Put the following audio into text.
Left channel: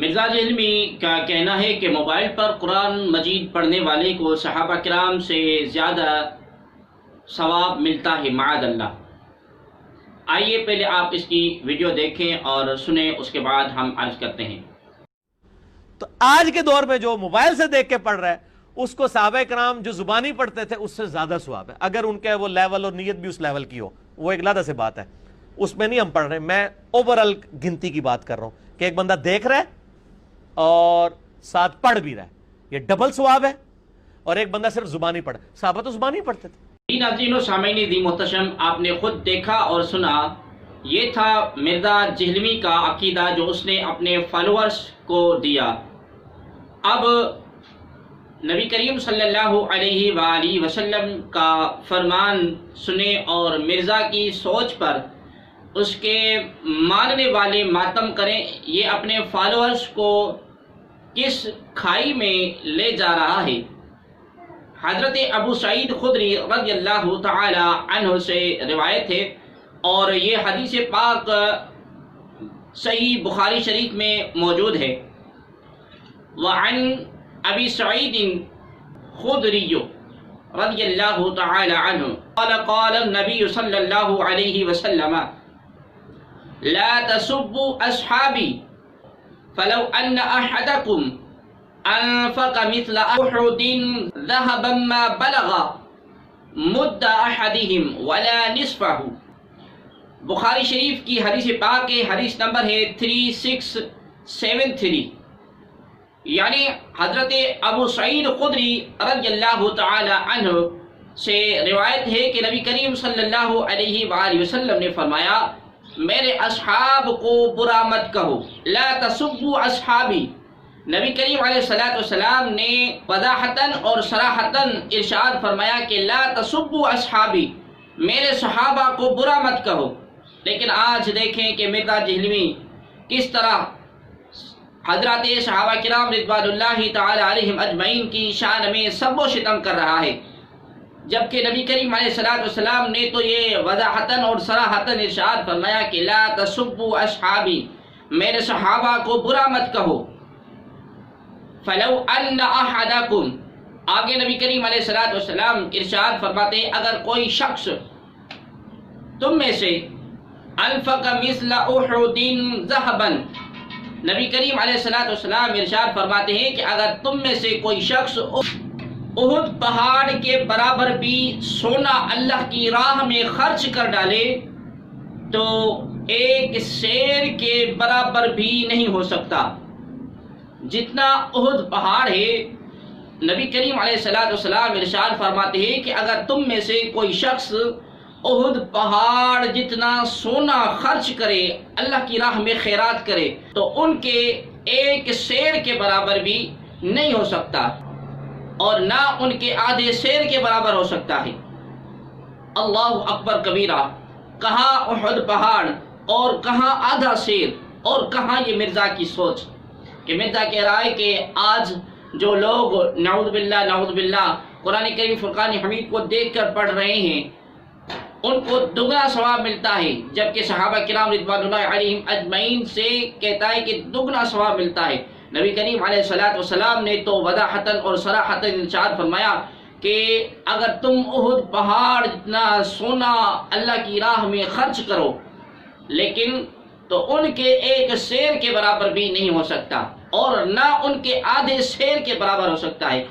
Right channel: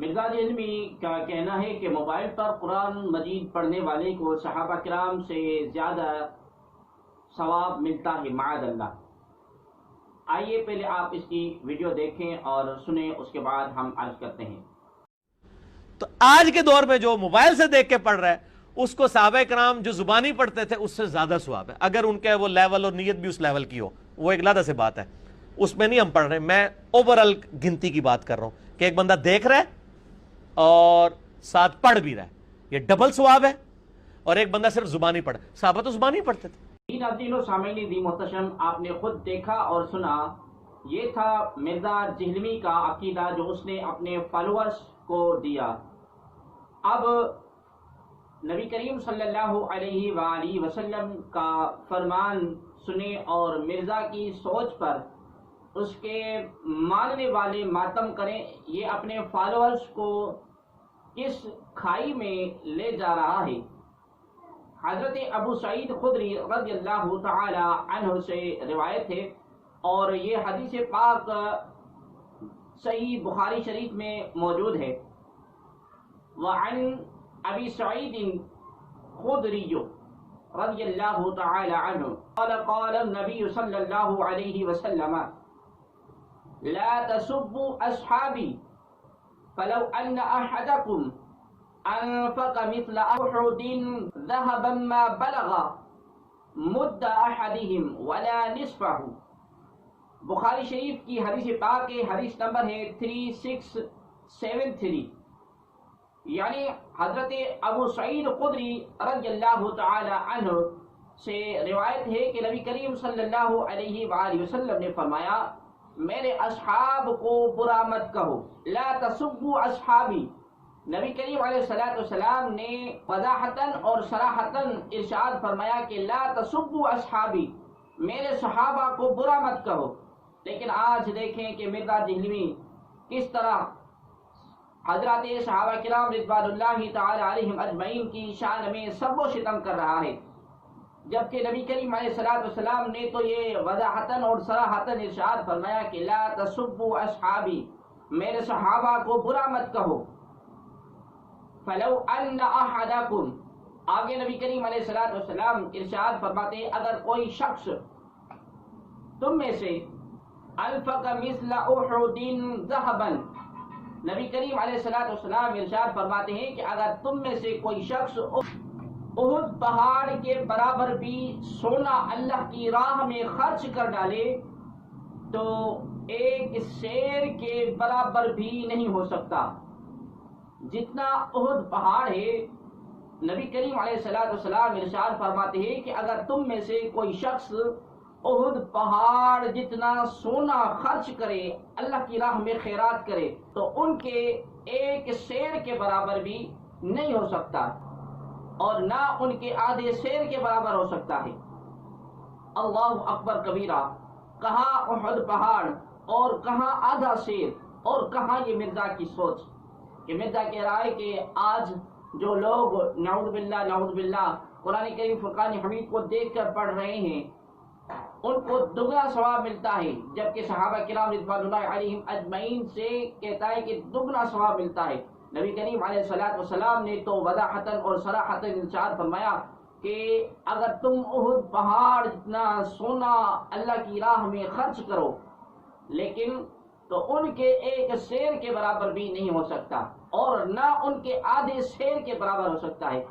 مرزا جہلمی کا کہنا ہے کہ موبائل پر قرآن مجید پڑھنے والے کو صحابہ کرام سے زیادہ ثواب ملتا ہے معاذ اللہ۔ آئیے پہلے آپ اس کی ویڈیو دیکھیں اور سنیں، اس کے بعد ہم عرض کرتے ہیں۔ تو آج کے دور میں جو موبائل سے دیکھ کے پڑھ رہا ہے اس کو صحابہ کرام جو زبانی پڑھتے تھے اس سے زیادہ ثواب ہے، اگر ان کے وہ لیول اور نیت بھی اس لیول کی ہو، وہ ایک علیحدہ سے بات ہے، اس میں نہیں ہم پڑھ رہے۔ میں اوورال گنتی کی بات کر رہا ہوں کہ ایک بندہ دیکھ رہا ہے اور ساتھ پڑھ بھی رہا ہے، یہ ڈبل ثواب ہے۔ اور ایک بندہ صرف زبانی پڑھ، صحابہ تو زبانی پڑھتے تھے۔ ناظرین و سامعین دی محتشم، آپ نے خود دیکھا اور سنا، یہ تھا مرزا جہلمی کا عقیدہ جو اس نے اپنے فالوورز کو دیا۔ اب نبی کریم صلی اللہ علیہ وآلہ وسلم کا فرمان سنیں اور مرزا کی سوچ پر اس کے ماننے والے ماتم کریں۔ یہ اپنے فالوورز کو کس کھائی میں لے جا رہا ہے۔ حضرت ابو سعید خدری رضی اللہ تعالی عنہ سے روایت ہے، اور یہ حدیث پاک صحیح بخاری شریف میں موجود ہے۔ وعن ابی سعید خدری رضی اللہ تعالی عنہ قال قال النبی صلی اللہ علیہ وسلم لا تسبوا اصحابی فلو ان احدکم انفق مثل احد ذهبا ما بلغ مد احدهم ولا نصفه۔ بخاری شریف کی حدیث پاک کے حدیث نمبر ہے 3673، یعنی حضرت ابو سعید خدری رضی اللہ تعالی عنہ سے روایت ہے کہ نبی کریم صلی اللہ علیہ وآلہ وسلم نے فرمایا، میرے اصحاب کو برا مت کہو، لا تسبوا اصحابی۔ نبی کریم علیہ السلام نے وضاحتاً اور صراحتاً ارشاد فرمایا کہ لا تسبوا اصحابی، میرے صحابہ کو برا مت کہو۔ لیکن آج دیکھیں کہ مرزا جہلمی کس طرح حضرات صحابہ کرام رضوان اللہ تعالی علیہم اجمعین کی شان میں سب و شتم کر رہا ہے، جبکہ نبی کریم علیہ السلام نے تو یہ وضاحتاً اور صراحتاً ارشاد فرمایا کہ لا تسبوا اصحابی، میرے صحابہ کو برا مت کہو۔ فلو ان احدکم، آگے نبی کریم علیہ السلام ارشاد فرماتے ہیں اگر کوئی شخص تم میں سے انفق مثل احد ذهبا، نبی کریم علیہ السلام ارشاد فرماتے ہیں کہ اگر تم میں سے کوئی شخص احد پہاڑ کے برابر بھی سونا اللہ کی راہ میں خرچ کر ڈالے تو ایک سیر کے برابر بھی نہیں ہو سکتا۔ جتنا احد پہاڑ ہے، نبی کریم علیہ السلام ارشاد فرماتے ہیں کہ اگر تم میں سے کوئی شخص احد پہاڑ جتنا سونا خرچ کرے، اللہ کی راہ میں خیرات کرے، تو ان کے ایک سیر کے برابر بھی نہیں ہو سکتا، اور نہ ان کے آدھے سیر کے برابر ہو سکتا ہے۔ اللہ اکبر کبیرہ، کہاں احد پہاڑ اور کہاں آدھا سیر، اور کہاں یہ مرزا کی سوچ کہ مرزا کہہ رہا ہے کہ آج جو لوگ نعوذ باللہ قرآن کریم فرقان حمید کو دیکھ کر پڑھ رہے ہیں ان کو دگنا ثواب ملتا ہے، جبکہ صحابہ کرام رضوان اللہ علیہم اجمعین سے کہتا ہے کہ دگنا ثواب ملتا ہے۔ نبی کریم علیہ السلام نے تو وضاحتاً اور صراحتاً ارشاد فرمایا کہ اگر تم احد پہاڑ جتنا سونا اللہ کی راہ میں خرچ کرو، لیکن تو ان کے ایک سیر کے برابر بھی نہیں ہو سکتا، اور نہ ان کے آدھے سیر کے برابر ہو سکتا ہے۔